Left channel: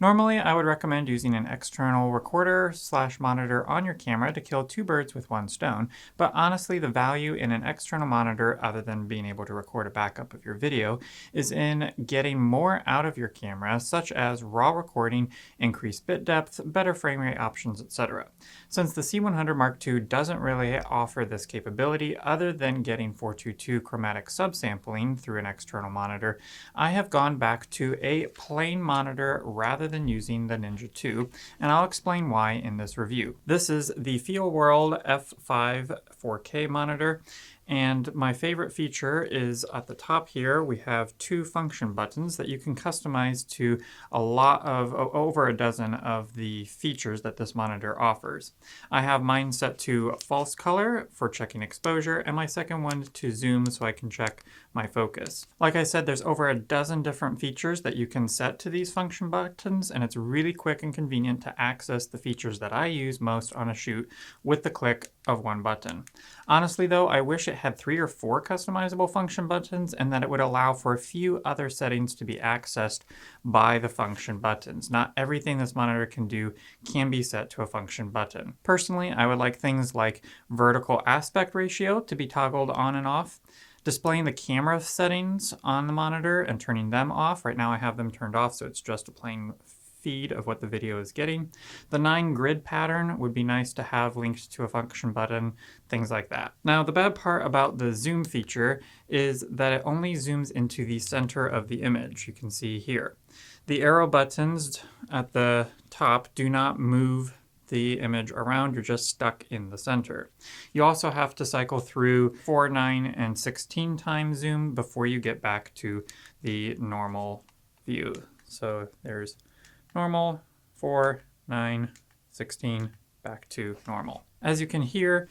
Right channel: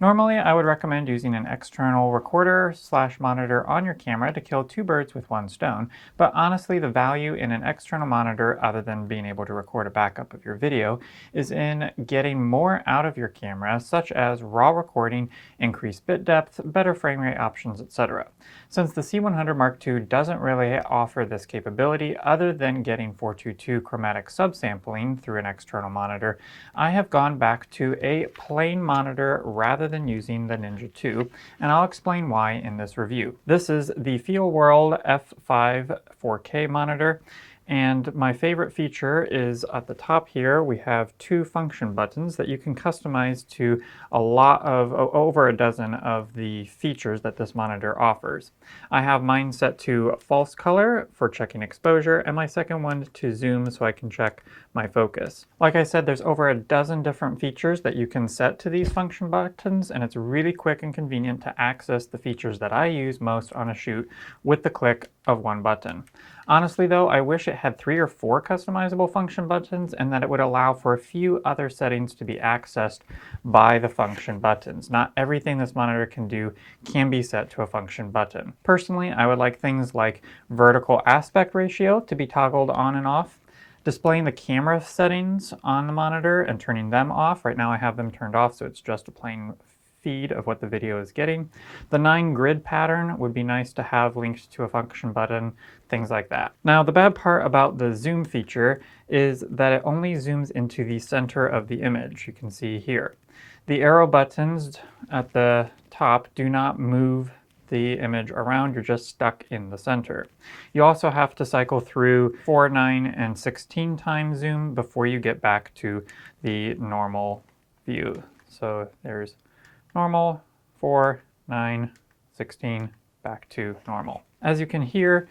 Normally, I would recommend using an external recorder / monitor on your camera to kill two birds with one stone, but honestly, the value in an external monitor, other than being able to record a backup of your video, is in getting more out of your camera, such as raw recording, increased bit depth, better frame rate options, etc. Since the C100 Mark II doesn't really offer this capability other than getting 422 chromatic subsampling through an external monitor, I have gone back to a plain monitor rather than using the Ninja 2, and I'll explain why in this review. This is the Feelworld F5 4K monitor, and my favorite feature is at the top here we have two function buttons that you can customize to a lot of over a dozen of the features that this monitor offers. I have mine set to false color for checking exposure, and my second one to zoom so I can check my focus. Like I said, there's over a dozen different features that you can set to these function buttons, and it's really quick and convenient to access the features that I use most on a shoot with the click of one button. Honestly though, I wish it had 3 or 4 customizable function buttons and that it would allow for a few other settings to be accessed by the function buttons. Not everything this monitor can do can be set to a function button. Personally, I would like things like vertical aspect ratio to be toggled on and off, displaying the camera settings on the monitor and turning them off. Right now I have them turned off, so it's just a plain feed of what the video is getting. The 9 grid pattern would be nice to have linked to a function button, things like that. Now, the bad part about the zoom feature is that it only zooms into the center of the image. You can see here. The arrow buttons at the top do not move the image around, you're just stuck in the center. You also have to cycle through 4, 9, and 16 times zoom before you get back to the normal view. So there's normal, 4, 9, 16, back to normal. As you can hear,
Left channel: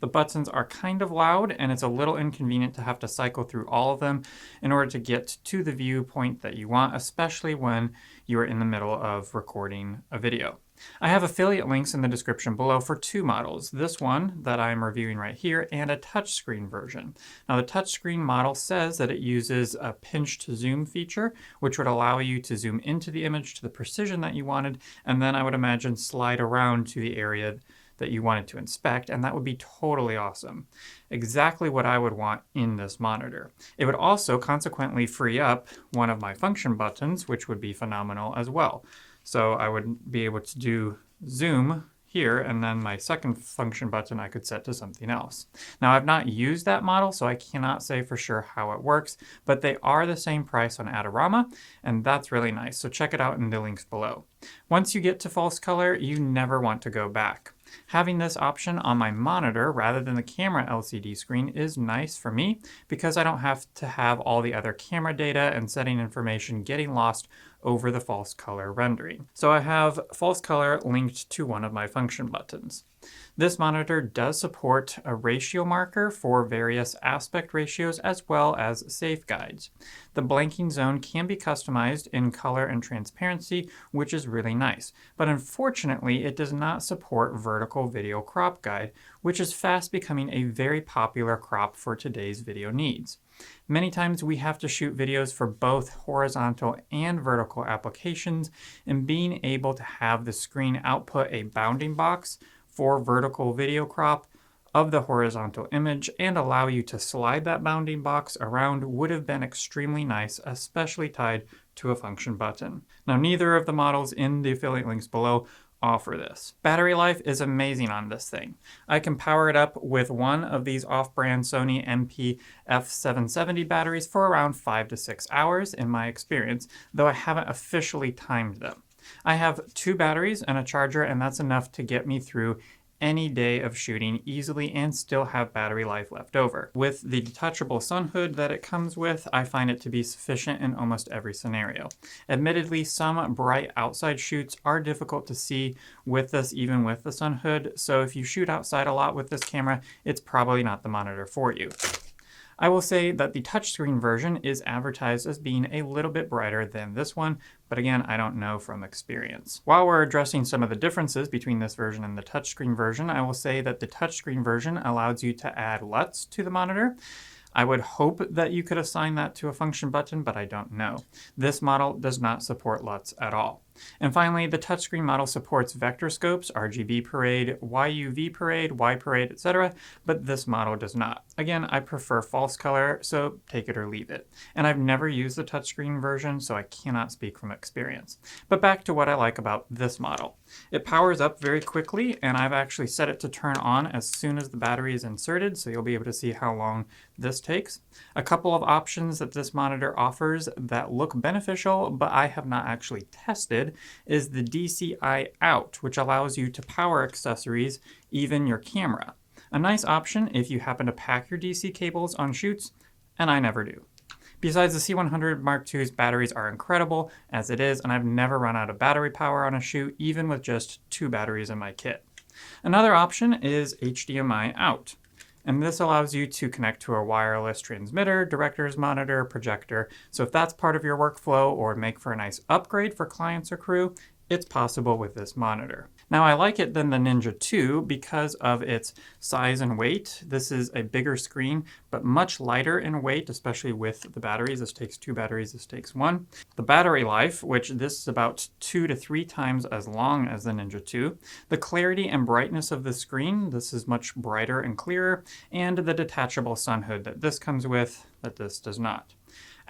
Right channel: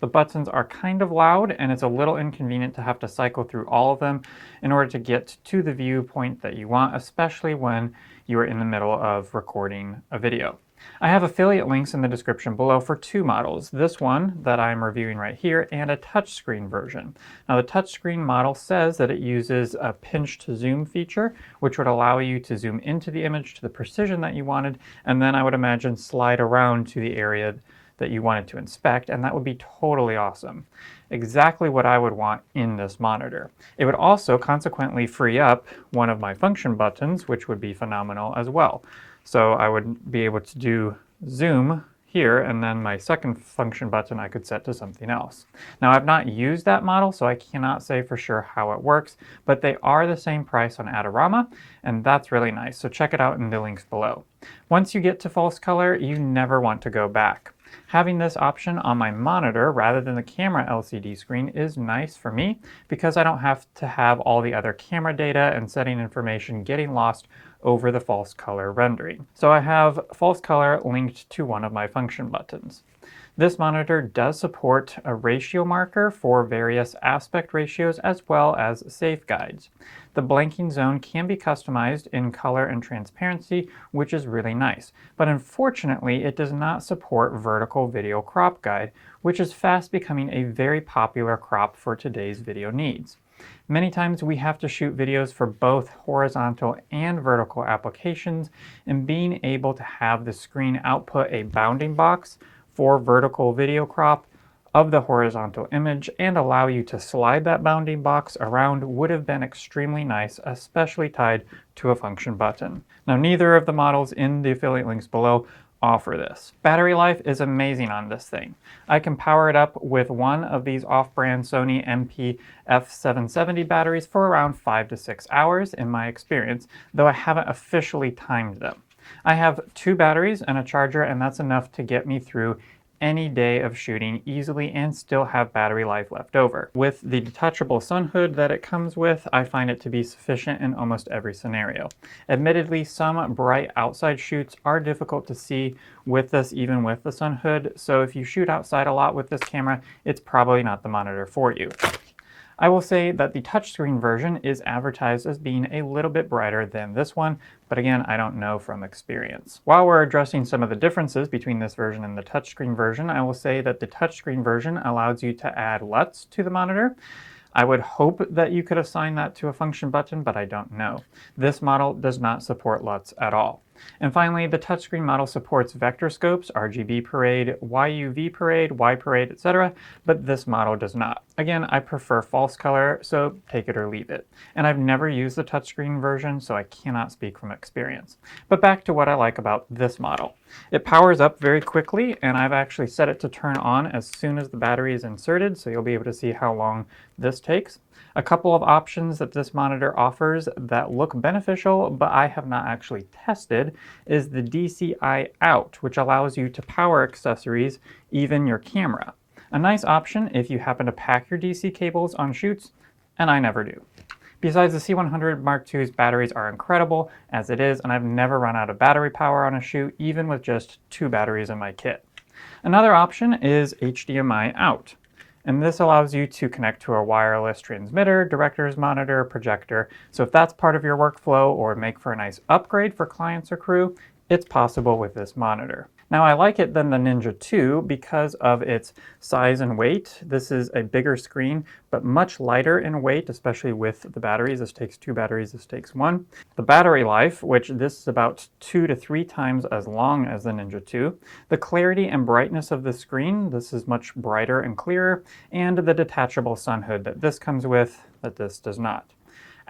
the buttons are kind of loud and it's a little inconvenient to have to cycle through all of them in order to get to the viewpoint that you want, especially when you are in the middle of recording a video. I have affiliate links in the description below for 2 models, this one that I'm reviewing right here and a touchscreen version. Now the touchscreen model says that it uses a pinch to zoom feature, which would allow you to zoom into the image to the precision that you wanted, and then I would imagine slide around to the area that you wanted to inspect, and that would be totally awesome. Exactly what I would want in this monitor. It would also consequently free up one of my function buttons, which would be phenomenal as well. So I would be able to do zoom here, and then my second function button I could set to something else. Now I've not used that model, so I cannot say for sure how it works, but they are the same price on Adorama, and that's really nice, so check it out in the links below. Once you get to false color, you never want to go back. Having this option on my monitor rather than the camera LCD screen is nice for me because I don't have to have all the other camera data and setting information getting lost over the false color rendering. So I have false color linked to one of my function buttons. This monitor does support a ratio marker for various aspect ratios as well as safe guides. The blanking zone can be customized in color and transparency, which is really nice. But unfortunately, it does not support vertical video crop guide, which is fast becoming a very popular crop for today's video needs. Many times we have to shoot videos for both horizontal and vertical applications, and being able to have the screen output a bounding box for vertical video crop of the horizontal image and allow you to slide that bounding box around would have been extremely nice, especially tied to a function button. Now, neither of the models in the affiliate links below offer this. Battery life is amazing on this thing. I can power it up with one of these off-brand Sony Mkii F770 batteries for around 5 to 6 hours in my experience, though I haven't officially timed them. I have 2 batteries and a charger, and that's enough to get me through any day of shooting easily and still have battery life left over. With the detachable sun hood that it comes with, I find it to be sufficient in almost every scenario. Admittedly, some bright outside shoots are difficult to see with this, even with the sun hood, so if you shoot outside a lot with this camera, it's probably not the monitor for you. I will say that the touchscreen version is advertised as being a little bit brighter than this one, but again, I don't know from experience. While we're addressing some of the differences between this version and the touchscreen version, I will say that the touchscreen version allows you to add LUTs to the monitor. I would hope that you could assign that to a function button, but I don't know. This model does not support LUTs at all. And finally, the touchscreen model supports vector scopes, RGB parade, YUV parade, Y parade, etc., but this model does not. Again, I prefer false color, so take it or leave it. And I've never used the touchscreen version, so I cannot speak from experience. But back to what I like about this model. It powers up very quickly, and I've actually set it to turn on as soon as the battery is inserted, so you'll be able to see how long this takes. A couple of options that this monitor offers that look beneficial, but I have not actually tested, is the HDMI Out, which allows you to power accessories, even your camera. A nice option if you happen to pack your DC cables on shoots, and I never do. Besides, the C100 Mark II's batteries are incredible as it is, and I've never run out of battery power on a shoot, even with just 2 batteries in my kit. Another option is HDMI Out, and this allows you to connect to a wireless transmitter, director's monitor, projector. So if that's part of your workflow or make for a nice upgrade for clients or crew, it's possible with this monitor. Now, I like it than the Ninja 2 because of its size and weight. This is a bigger screen, but much lighter in weight, especially with the batteries. This takes 2 batteries, this takes 1. The battery life, which this is about 2 to 3 times as long as the Ninja 2. The clarity and brightness of the screen, this is much brighter and clearer, and the detachable sun hood that this comes with, that this does not.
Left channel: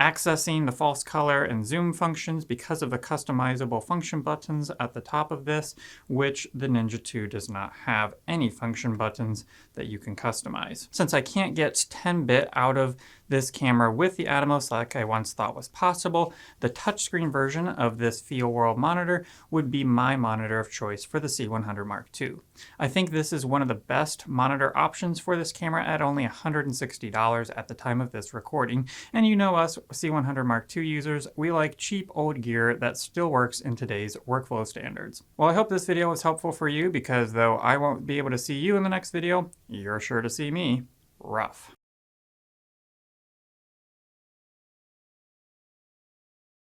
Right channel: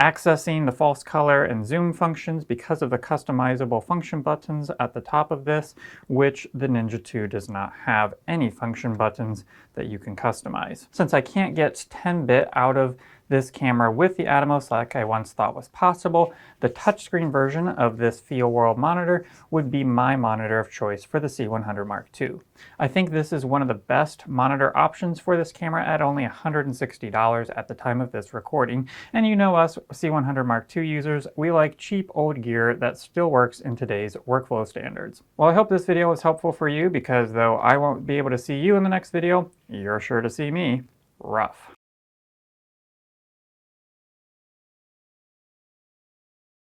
Accessing the false color and zoom functions because of the customizable function buttons at the top of this, which the Ninja 2 does not have any function buttons that you can customize. Since I can't get 10-bit out of this camera with the Atomos like I once thought was possible, the touchscreen version of this Feelworld monitor would be my monitor of choice for the C100 Mark II. I think this is one of the best monitor options for this camera at only $160 at the time of this recording, and you know us C100 Mark II users, we like cheap old gear that still works in today's workflow standards. Well, I hope this video was helpful for you because though I won't be able to see you in the next video, you're sure to see me. Rough.